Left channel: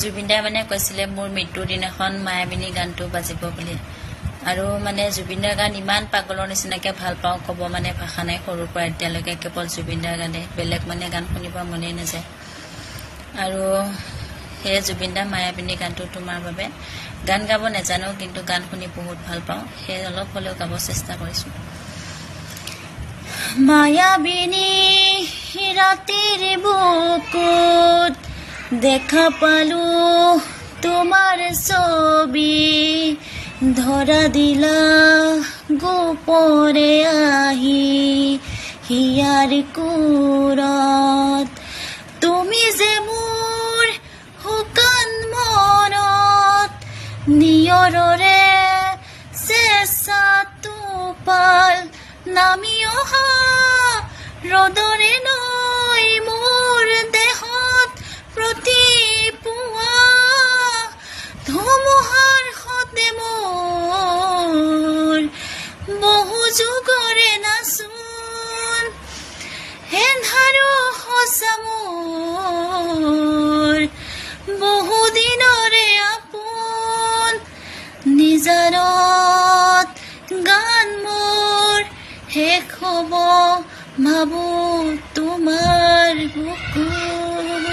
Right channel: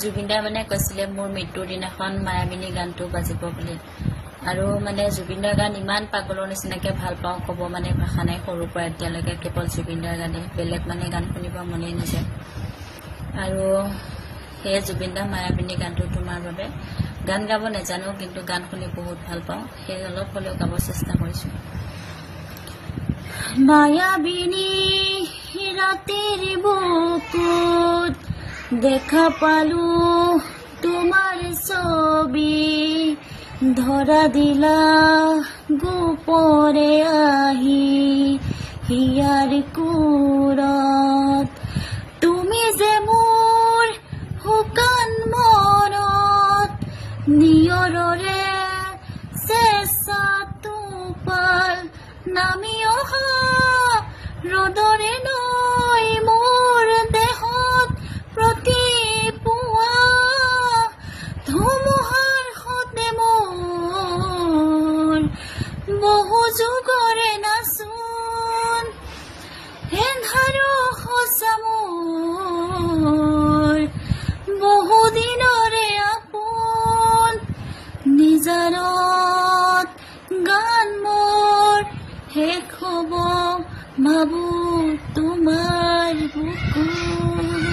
জুবিন দাই মানে কৈছিলে মোৰ মৃত্যুৰ দিনাখন মায়াবিনী গানটো বাজিব বুলি আৰু মানে জুবিন দাৰ গান ইমান পাগলৰ নিচিনাকে ভাল পাওঁ ক'ব মানে ভাষা নাই সৰুৰ পৰা এতিয়ালৈকে কেৱল জুবিন দাৰ গানে বেলেগ মানে গান শুনিব মনেই নাযায় আৰু সেই জুবিন দাৰ মায়াবিনী গানটো তোমাৰ বাবে গান গাব নাজানো কিন্তু গান শুনি বহুত ভাল পাওঁ সেই অলপ হ'লেও গাব চেষ্টা কৰিছো মায়াবিনী ৰাতিৰ বুকুত দেখা পালো তোমাৰ ছবি ধৰা দিলা গোপৰে আহি হিয়াৰ কোৰত তুমি যে মোৰ শুকান মনত নিয়ৰৰে চেঁচা টোপাল নামি অহা ৰ'দৰে নৈ মোৰ দেহত প্ৰতি পুৱা ধুমুহাৰ সতে মোৰ বহু যুগৰে নাচোন এন্ধাৰো সঁচা মোৰ বহু দিনৰে আপোন নিজাৰত গান মোৰ শেষ হ'ব ভাবো তোমাৰ বুকুত